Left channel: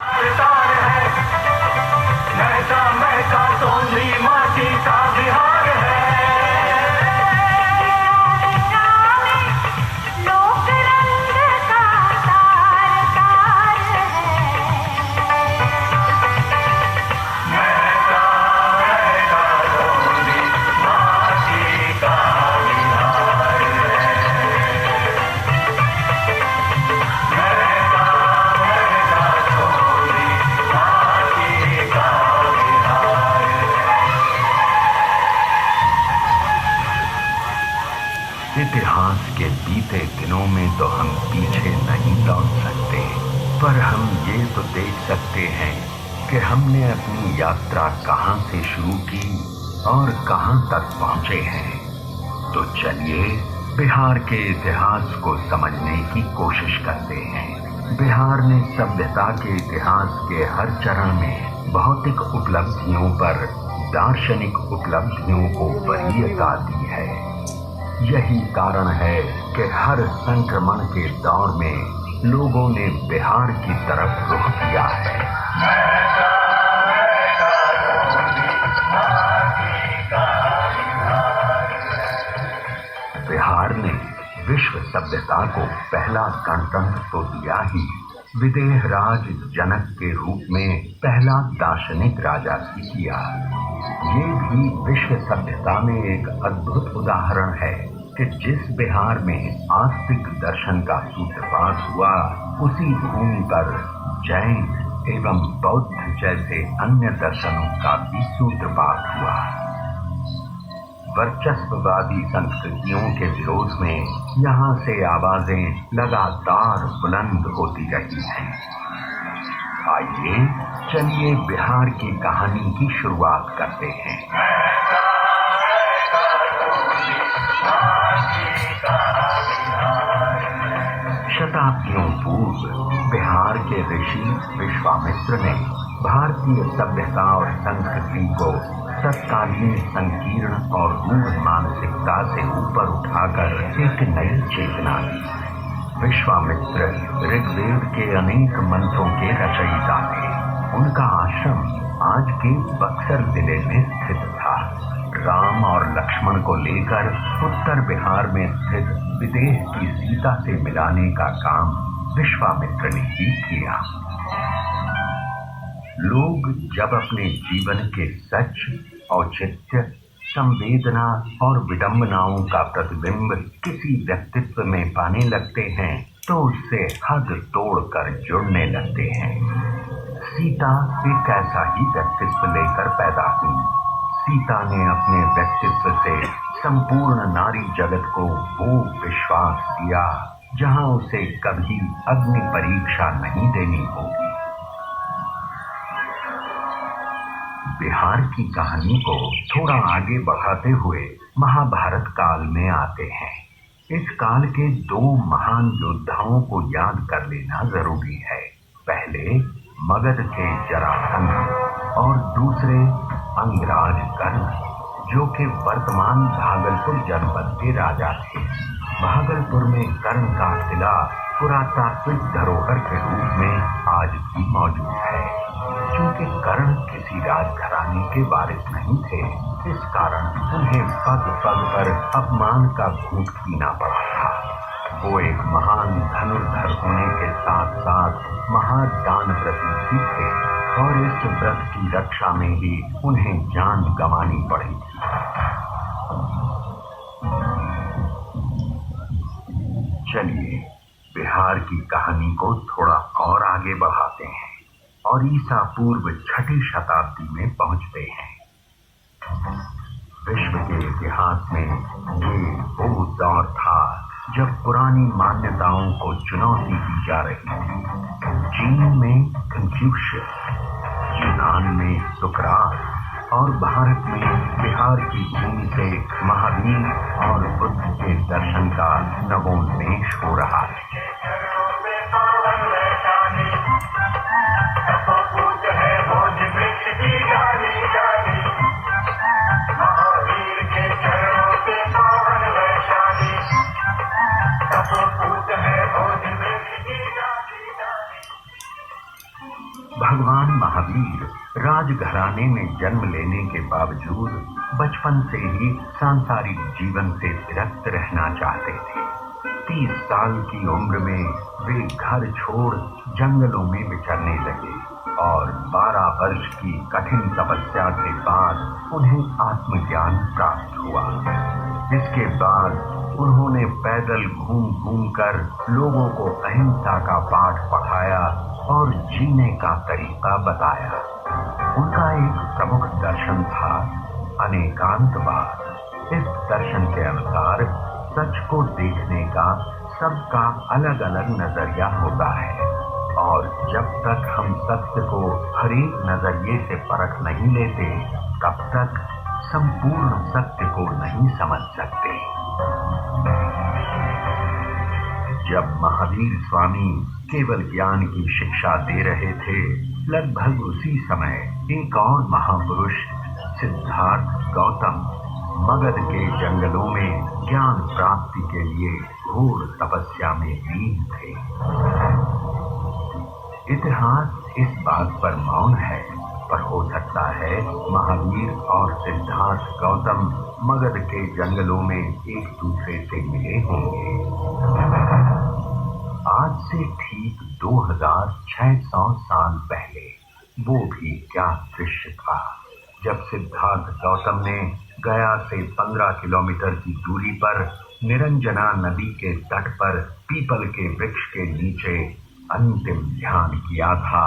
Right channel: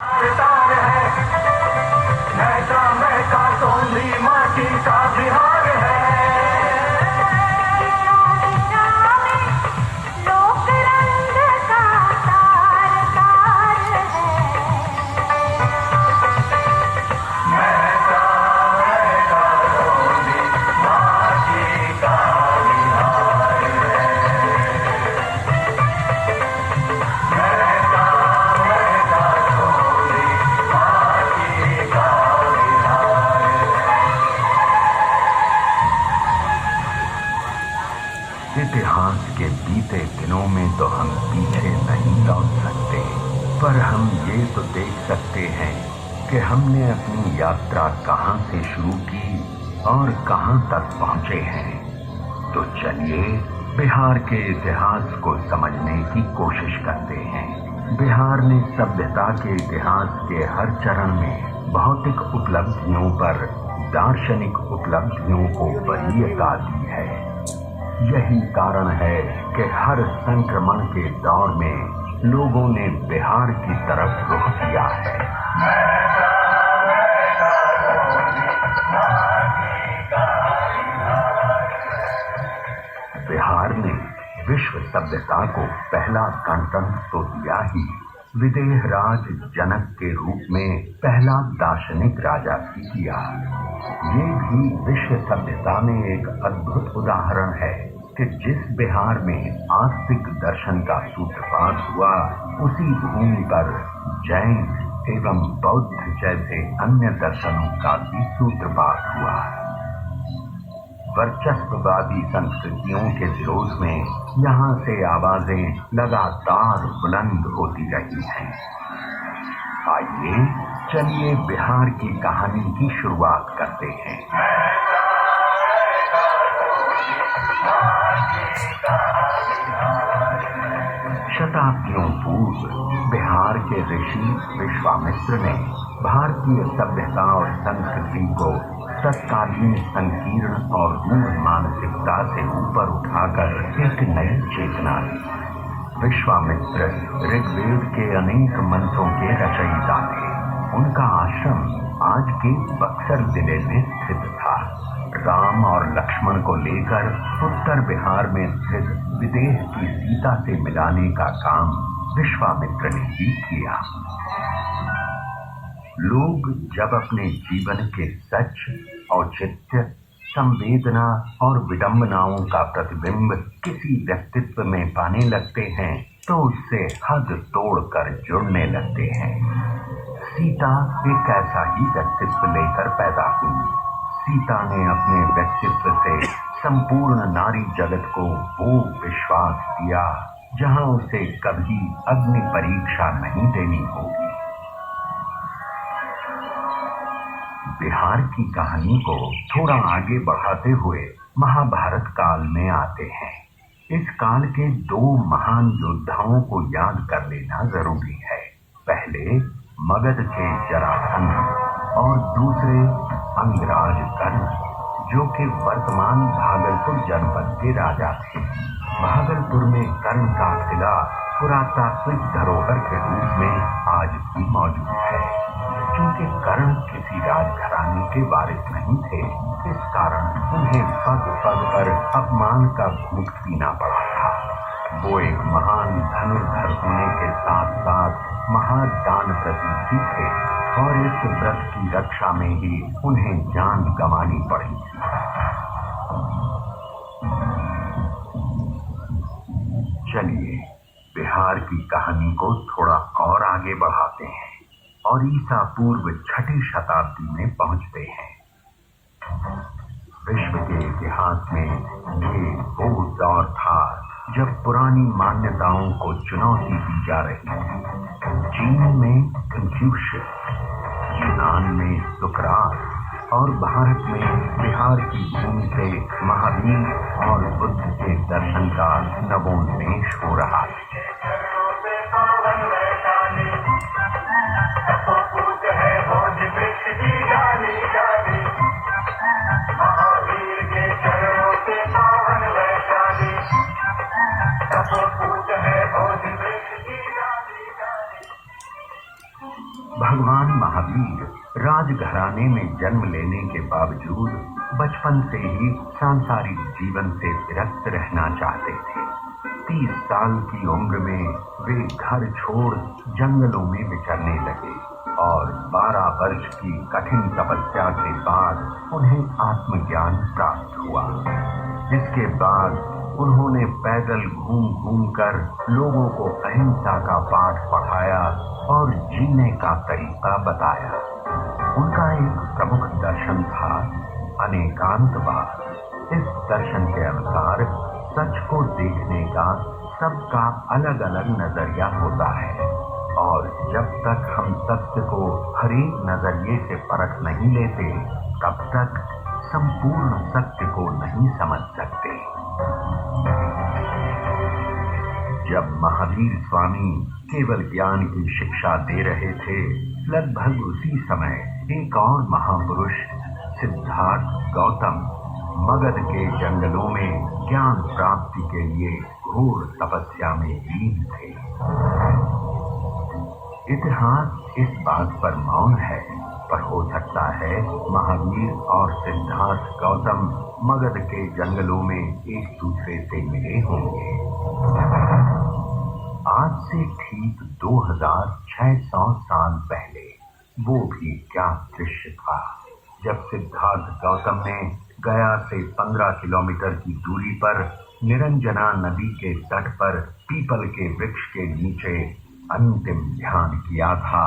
तार है महका महका सोंधी माटी का बिहार है। इतिहास के बीते दिनों में तो हम पीछे नहीं लौट सकते, पर हम ये तो देख सकते हैं कि हमने अपनी यात्रा कहां से शुरू की और कहां तक पहुंचे हैं। तो चलिए बिहार के इतिहास को समझने की कोशिश करते हैं। बिहार ने सभ्यता के इतिहास के हर चरण में भौतिक उपलब्धियों पर दार्शनिक उपलब्धियों को वरीयता दी है। यही कारण है कि हर संक्रमण के दौर में लोगों ने बिहार की तरफ रुख किया है। बिहार ने विश्व सभ्यता को पहला गणतंत्र तो दिया ही, विदेह राज जनक के रूप में पहला दार्शनिक राजा भी किया। ये भी विश्व सभ्यता में एक अद्भुत उदाहरण है कि जिस बिहार में आस्तिक दर्शन का सूत्रपात हुआ, उसी भूमि पर जैन एवं बौद्ध जैसे अन्य दर्शनों का भी सूत्रपात हुआ। वर्चस्ववादी संस्कृतियों के विरोध में यहाँ से आवाजें लगातार बुलंद होती रही हैं। आइए चलिए बिहार की कहानी की शुरुआत करते हैं। शताब्दियों पूर्व बिहार के ऋषि विश्वामित्र ने भारतीय सभ्यता और संस्कृति को तत्कालीन संकीर्ण और रूढ़ मानसिकता से ऊपर उठाकर एक नई चेतना दी। विश्वामित्र ऋग्वेद के अनेक मंत्रों के रचयिता थे। उनका आश्रम आज के बक्सर जिले में स्थित था। राम और लक्ष्मण को लेकर उत्तर बिहार में स्थित विदेह की सीता से मिलाने का काम विश्वामित्र ने ही किया। लोग जब अपने जीवन के सच, औचित्य, संवेदना और विडंबनाओं का प्रतिबिंब किसी व्यक्तित्व में पाने लगते हैं, तो उससे हद तोड़कर जुड़ने लगते हैं। सीता एक ऐसा ही व्यक्तित्व लेकर पैदा हुई। सीता ने अपने व्यक्तित्व से संपूर्ण नारी जगत को वो विश्वास दिया जहां उसे कभी अग्नि परीक्षा नहीं देनी होगी। बिहार की कहानी को थोड़ा आगे बढ़ाते हुए महाभारत काल में आते हैं। इस काल के दो महान योद्धाओं को याद कर लेना जरूरी है। पहले मगध के जरासंध और दूसरे अंगराज कर्ण, जो कि वर्तमान भागलपुर जनपद के राजा थे। भागलपुर में कर्ण का किला पुरातात्विक धरोहर के रूप में आज भी मौजूद है। क्योंकि कर्ण किसी राजघराने के वारिस नहीं थे, इस कारण उन्हें पग पग पर अपमान का घूंट पीना पड़ा था। वो एक महान धनुर्धर होने के साथ साथ महादान व्रती भी थे और इस व्रत की रक्षा में ही उन्हें जान गंवानी पड़ी। चलिए बिहार की कहानी को थोड़ा और आगे बढ़ाते हैं और ईसा पूर्व 6ठी शताब्दी में पहुंचते हैं। विश्व के इतिहास में ये वो दौर था जब पुरानी मान्यताओं को चुनौती दी जा रही थी। चीन में कन्फ्यूशियस, यूनान में सुकरात और भारत में बिहार की भूमि से महावीर और बुद्ध के दर्शन का नवोन्मेष हो रहा है। भगवान महावीर राजघराने में जन्म लेने के बावजूद बचपन से ही सांसारिक जीवन से विरक्त रहना चाहते थे। 30 साल की उम्र में वे घर छोड़ जंगलों में विचरने लगे और 12 वर्ष की कठिन तपस्या के बाद उन्हें आत्मज्ञान प्राप्त हुआ। इसके बाद उन्होंने पैदल घूम घूम कर लोगों को अहिंसा का पाठ पढ़ाया और जीने का तरीका बताया। उनका एक प्रमुख दर्शन था अनेकांतवाद। इस दर्शन के अनुसार सच को देखने का सबका अलग अलग नजरिया होता है और जब तक हम सत्य को हर एक नजरिए से परख नहीं लेते तब तक संपूर्ण सत्य को नहीं समझ सकते। जब महावीर स्वामी केवल ज्ञान की शिक्षा दे रहे थे, लगभग उसी समय एक और महापुरुष सिद्धार्थ गौतम मगध के जंगलों में ज्ञान प्राप्ति के लिए घोर तपस्या में लीन थे। इतिहास इस बात पर मौन है, पर हो सकता है महावीर और सिद्धार्थ गौतम मगध के जंगलों में एक दूसरे से मिले होंगे। आज से ठीक 2600 साल पहले वो भी क्या दृश्य था जब सिद्धार्थ गौतम ने गया से 15 किलोमीटर की दूरी पर निरंजना नदी के तट पर पीपल के वृक्ष के नीचे अंतिम ध्यान किया था।